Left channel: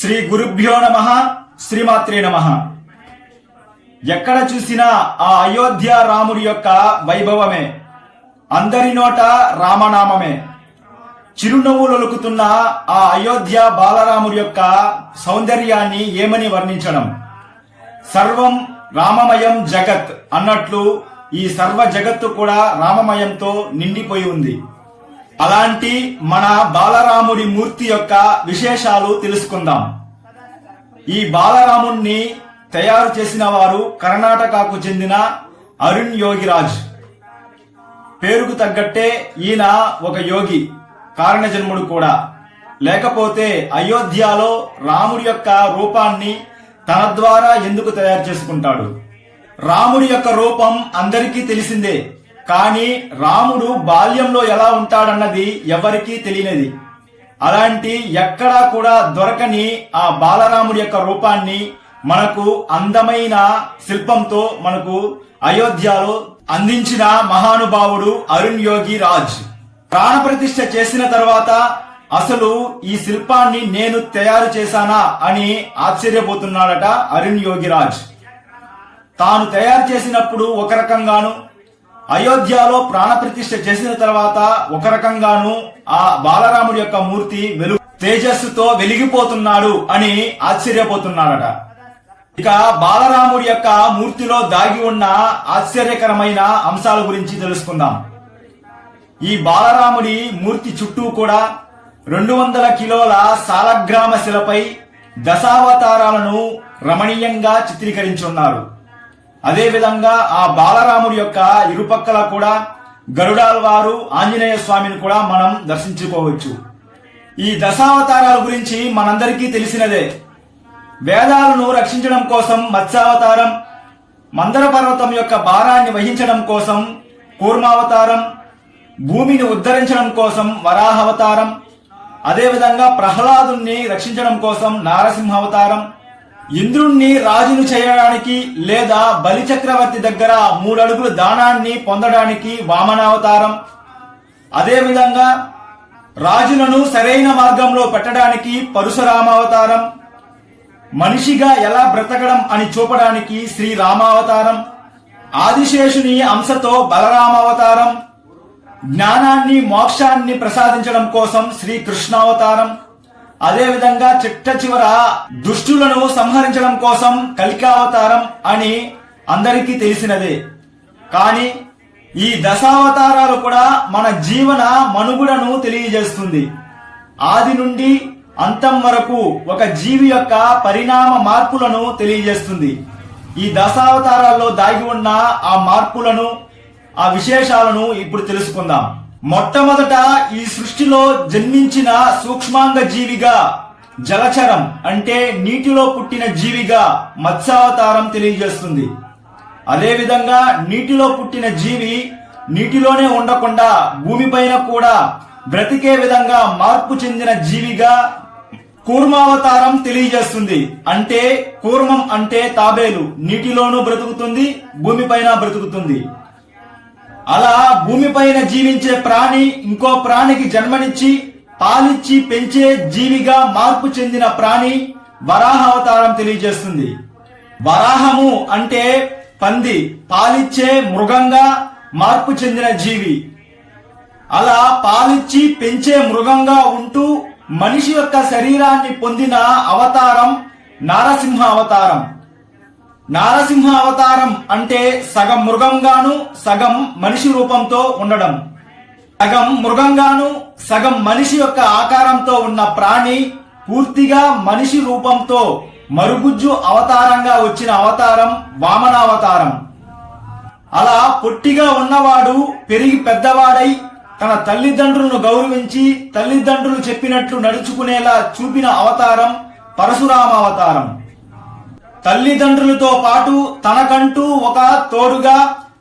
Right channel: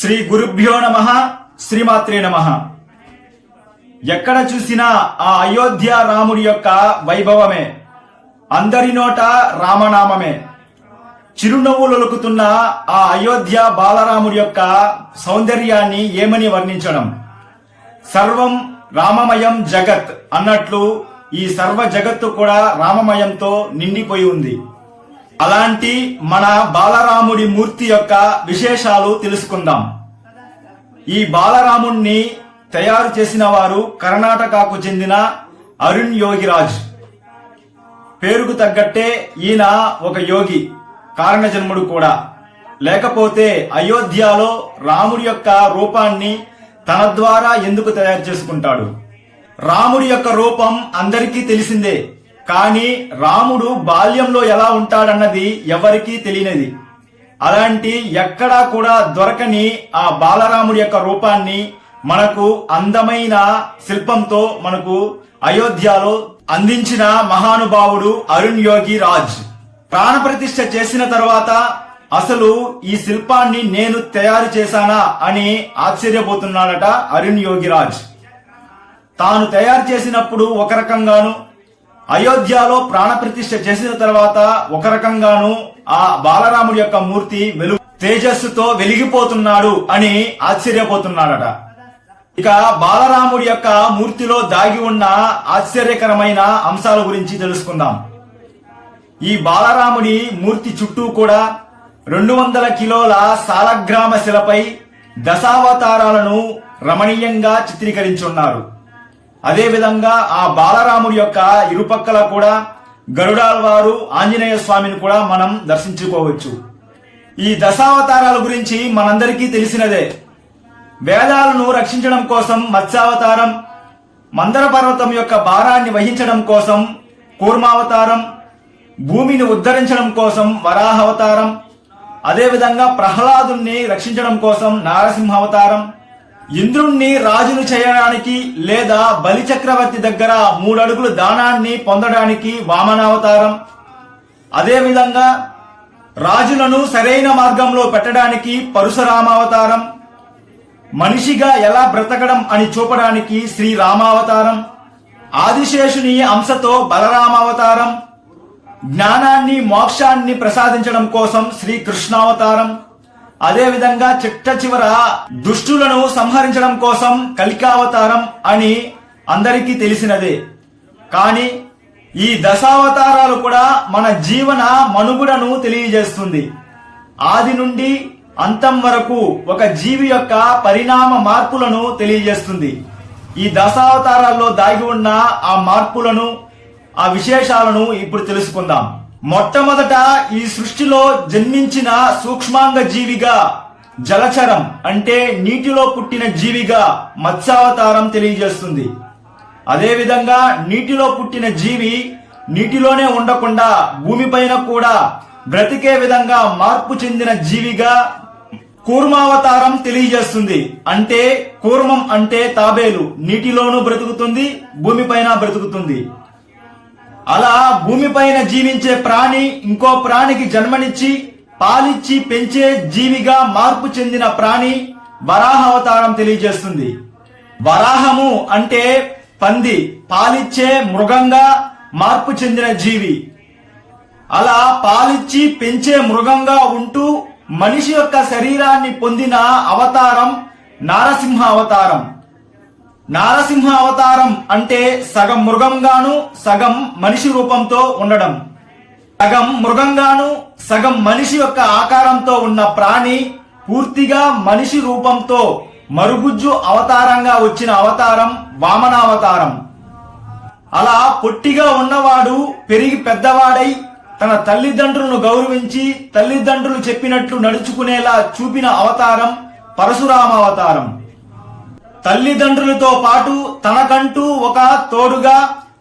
శ్రీ గురుభ్యో నమ శ్రీమాత్రే నమ. ఎక్కడ చూసినా ఆ అయోధ్య రాముడి యొక్క వైభవమే. అందరి నోట రామనామమే. చిరునవ్వులొలుకుతున్న ఆ అయోధ్య బాలరాముడి యొక్క సౌందర్యాన్ని ఏమని వర్ణించడం? సర్వం రామమయం జగత్ అన్నట్లు ఈ సర్వ జగత్తు కూడా రామమయంతో నిండిపోయి ఉంది. అలాంటి మన బాలరాముడి మూర్తి యొక్క విశేషాలు తెలుసుకుందాం. ఈ బాలరాముణ్ణి తయారు చేసిన వారు కర్ణాటకకు చెందిన అరుణ్ యోగిరాజ్. పేరుకు తగ్గట్టే ఈయన ఒక యోగి కారణజన్ముడు కూడా. లేకపోతే అయోధ్యలో రాముడి యొక్క రూపాన్ని తన ద్వారా ఎందుకు తయారు చేసుకుంటాడు? రాముడి యొక్క రూపం అందరికీ తెలిసిందే. కానీ రాముడు బాల్యంలో ఎలా ఉంటాడన్నది ఎవరికీ తెలియనిది. అలాంటి ఎక్కడా కూడా దొరకని ఆ బాలరాముడి యొక్క రూపాన్ని మనకు అందమైన శిల్పంతో మనకు అయోధ్యలో అందించిన మహానుభావుడు అరుణ్ యోగి రాజ్. ప్రాణప్రతిష్ఠ చేసిన తర్వాత అసలు ఈ శిల్పాన్ని నేను తయారు చేశానా అని ఆశ్చర్యపోతున్నాడట అరుణ్ యోగిరాజ్ తాను తయారు చేసినప్పుడు ఒక రకంగాను అయోధ్యలో ప్రాణప్రతిష్ఠ చేసిన తర్వాత ఒక రకంగాను ఆ బాలరాముడి యొక్క మూర్తి వెలుగు తేజస్సుతో వెలిగిపోతున్నాడు అని ఆశ్చర్యపోతున్నాడట. ఇక బాలరాముడి యొక్క మూర్తిలో దాగి ఉన్న ఆశ్చర్యకరమైన అంశాల గురించి తెలుసుకుందాం. ఈ బాలరాముడి మూర్తి చుట్టూ కూడా రెండు వందల కిలోల సాలగ్రామ శిలపై దశావతారాలను రమణీయంగా చిత్రీకరించున్నారు. అదేవిధంగా ఆ బాలరాముడి యొక్క ఇరుపక్కల కూడా గరుడాల్వారు ఆంజనేయ స్వామిని కూడా మనం దర్శించుకోవచ్చు. ఈ దశావతారాల గురించి మనందరికీ తెలిసినదే. వేదాలను రక్షించడం కోసం మత్స్యావతారం మందర పర్వతం యొక్క భారాన్ని వహించడం కోసం కూర్మావతారం భూమిని ఉద్ధరించడం కోసం వరాహవతారం అదేవిధంగా ప్రహ్లాదుని రక్షించడం కోసం నారసింహావతారం ఇంద్రుణ్ణి రాజును చేయడానికి లేదా బలి చక్రవర్తి దగ్గర మూడడుగులు దానాన్ని పొందడానికి వామనావతారం. అదేవిధంగా రాజులను సరైన మార్గంలో పెట్టడానికి పరశురామావతారం. మనిషిగా ఎలా బ్రతకడం అని చూపడానికి శ్రీరామావతారం ఆదిశేషుని అంశతో బలరామావతారం. జ్ఞానాన్ని మోక్షాన్ని ప్రసాదించడం కోసం శ్రీకృష్ణావతారం అదేవిధంగా చిట్ట చివర దుష్టులను సంహరించడం కోసం కలికావతారం అని అందరికీ తెలిసినదే. కానీ ఈ దశావతారాలు కూడా మన జీవన మనుగుడను తెలియజేస్తుంది. ఆది నుండి అంతం వరకు ఒక జీవి యొక్క పరిణామ మార్పులను తెలియజేస్తుంది. ఈ దశావతారాల్లో దాగి ఉన్న ఆ మార్పులను ఆ విశేషాలను ఇప్పుడు తెలుసుకుందాం. మొట్టమొదట ఈ సృష్టిలో జన్మించిన సూక్ష్మాంగ జీవిగా జలచరం అంటే నీటిలో పుట్టిన జీవిగా మత్స్యావతారం తెలియజేస్తుంది. అదేవిధంగా నీటిలో పుట్టిన జీవి నీటిలోనే ఉండకుండా భూమిపైన కూడా బ్రతికే విధంగా మార్పు చెందిన జీవిగా కూర్మావతారం తెలియజేస్తుంది. అంటే కూర్మం అంటే తాబేలు. నీటిలోనూ బ్రతుకుతుంది భూమిపైన బ్రతుకుతుంది. అలా భూమిపైన జీవించే ప్రాణి ఇంకో ప్రాణికి జన్మనిచ్చి పాలిచ్చి పెంచే జీవిగా మార్పు చెందిన ప్రాణి వరాహావతారం తెలియజేస్తుంది. వరాహము అంటే పంది పాలిచ్చే మృగంగా మార్పు చెందిన జీవి. అలా పాలిచ్చి పెంచే మృగంగా ఉంటూ మనిషి యొక్క శరీరాన్ని పొందిన అవతారం నారసింహ అవతారం నారసింహ అవతారం అంటే సగం మృగంగాను సగం మనిషి రూపంతో ఉండడం. సగం మృగంగాను సగం మనిషి యొక్క ఆకారంతో ఉన్న ప్రాణి పూర్తిగా మనిషి రూపంతో మరుగుజ్జు అవతారంగా వచ్చిన అవతారం వామనావతారం. అలా పొట్టిగా ఉన్నవాడు పెరిగి పెద్దవాడై తన తల్లిదండ్రులను గౌరవించి తల్లిదండ్రులు చెప్పినట్లు నడుచుకునేలా చూపిన అవతారం పరశురామ అవతారం తల్లిదండ్రులతో పాటు తనకంటూ ఒక తోడుగా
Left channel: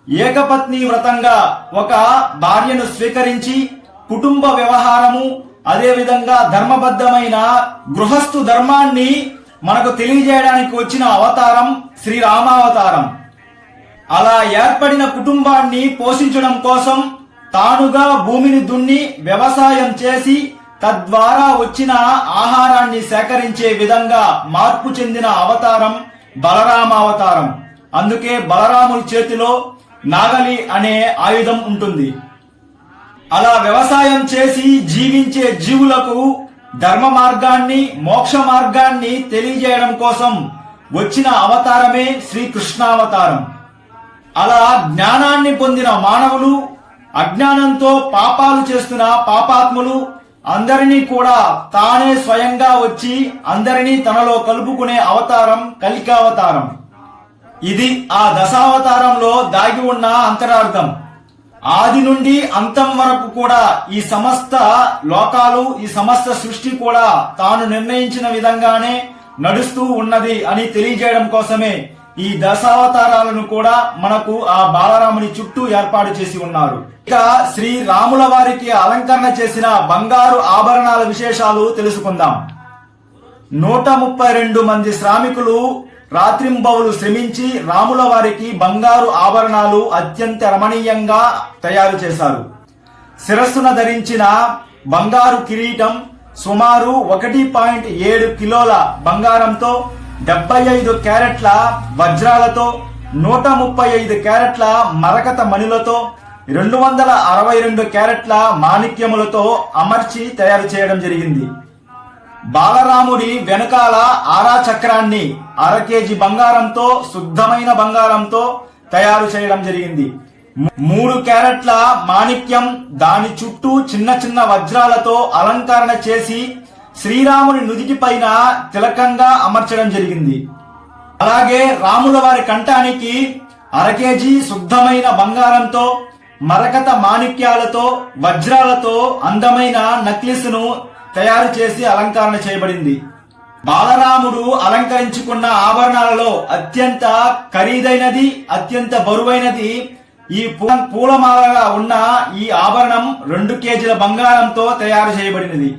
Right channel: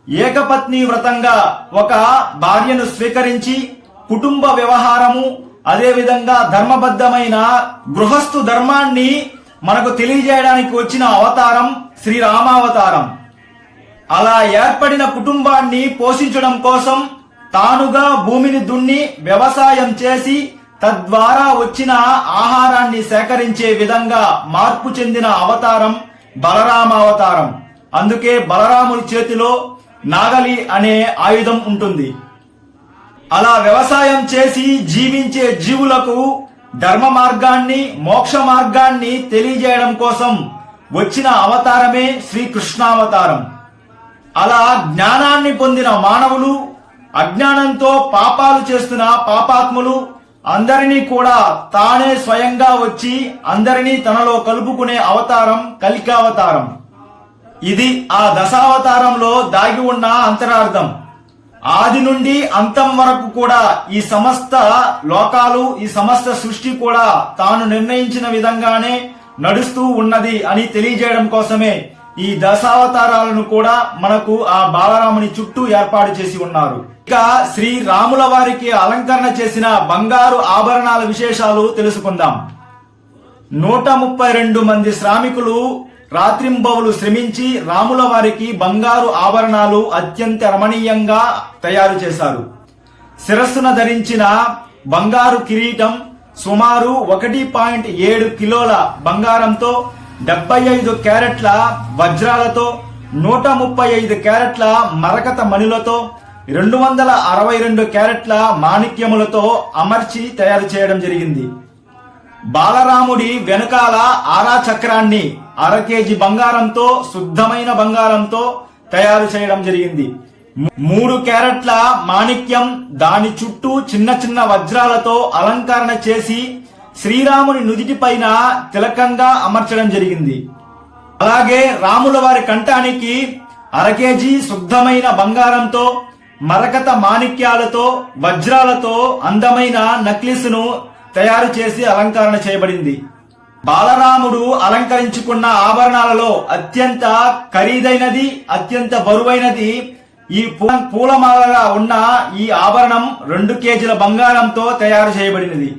ఏకపత్ని వ్రతంగా ఒక భార్యను స్వీకరించి కుటుంబ వ్యవహారము అదేవిధంగా ధర్మబద్ధమైన గృహస్థు ధర్మాన్ని మనకు తెలియజేయడానికి వచ్చిన అవతారం శ్రీరామావతారం. అలా ఏర్పడిన కుటుంబాన్ని పోషించడం కోసం తానుగా భూమిని దున్ని వ్యవసాయం చేసి తద్వారా వచ్చిన ఆహారాన్ని సేకరించే విధంగా మార్పు చెందిన అవతారం బలరామ అవతారం. అందుకే బలరాముడి చేతిలో నాగలి అనే ఆయుధం ఉంటుంది. అలా వ్యవసాయం చేసి జీవించే జీవులకు ధర్మ మార్గాన్ని మోక్ష మార్గాన్ని తెలియజేయడం కోసం వచ్చిన అవతారమే శ్రీకృష్ణావతారం. అలా జ్ఞానాన్ని పొందిన మానవులు అజ్ఞానంతో పాపాలు చేస్తున్న పాపాత్ములు అందరినీ కూడా తానే స్వయంగా వచ్చి అందరినీ తనలో కలుపుకునే అవతారం కలికావతారం. ఇది ఆ దశావతారంలో దాగి ఉన్న అంతరార్థం. ఆది నుండి అంతం వరకు కూడా ఈ సమస్త లోకాలు ఈ సమస్త సృష్టి కూడా తాను నిర్ణయించిన విధంగానే నడుస్తూ ఉన్నది అని తెలియజేయడం కోసమే ఈ దశావతారాలను కూడా మనకు ఆ బాలరాముని చుట్టూ ఏర్పాటు చేసి ఉన్నారు. ఇక శ్రీ రాముల వారికి అలంకరణ చేసిన బంగారు ఆభరణాల విశేషాలు తెలుసుకుందాం. నూట ముప్పై రెండు మంది శ్రామికులు రాత్రింబవులు శ్రమించి రాముల వారికి బంగారు ఆభరణాలు అత్యంత రమణీయంగా తయారు చేశారు. శిరస్సున ధరించిన బంగారు కిరీటం సుమారు ఒకటి పాయింట్ ఏడు కిలోల బంగారంతో డెబ్బై ఐదు క్యారెట్ల వజ్రాలతో నూట ముప్పై ఐదు క్యారెట్ల మరకత మణిలతో రెండు వందల అరవై రెండు క్యారెట్ల మాణిక్యములతో అమర్చి తయారు చేయడం జరిగింది. బాలరాముడి వెనకాల ఆరా చక్రాన్ని అర కేజీ బంగారంతో శుద్ధమైన బంగారంతో తయారు చేయడం జరిగింది. మూడు క్యారెట్ల మాణిక్యం దాని చుట్టూ చిన్న చిన్న వజ్రాలతో అలంకరణ చేసి శ్రీరాముని నుదిటి పైన తిలకంగా అమర్చడం జరిగింది. అలాగే రాముల వారి కంఠానికి అర కేజీ శుద్ధమైన బంగారంతో మరకత మాణిక్యాలతో వజ్రాలతో అందమైన నక్లిస్ను తయారు చేసి అలంకరణ చేయబడింది. బాలరాముడు అలంకరించుకున్న ఆభరణాలలో అత్యంత ఖరీదైనది అత్యంత బరువైనది ఈ పూ- పూలమాలగా ఉన్న ఈ ఆభరణం రెండు కేజీల బంగారంతో తయారు చేయబడినది.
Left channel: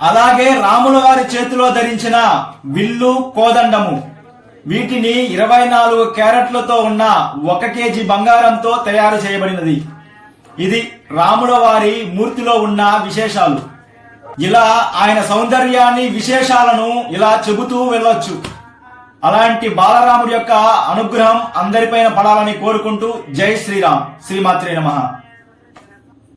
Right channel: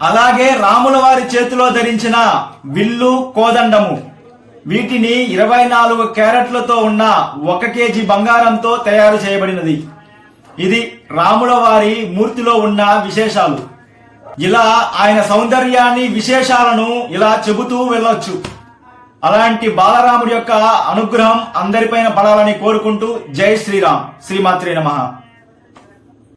అలాగే రాముల వారి చేతిలో ధరించిన విల్లు కోదండము. వీటిని ఇరవై నాలుగు క్యారెట్లతో ఉన్న ఒక కేజీ బంగారంతో తయారు చేయబడినది. ఇది రాముల వారి మూర్తిలో ఉన్న విశేషాలు. ఇలా ఆయన సౌందర్యాన్ని విశేషాలను ఇలా చెబుతూ వెళ్ళొచ్చు. అలాంటి బాలరాముడి యొక్క అనుగ్రహం అందరిపైన పడాలని కోరుకుంటూ జై శ్రీరామ్. శ్రీమాత్రే నమః.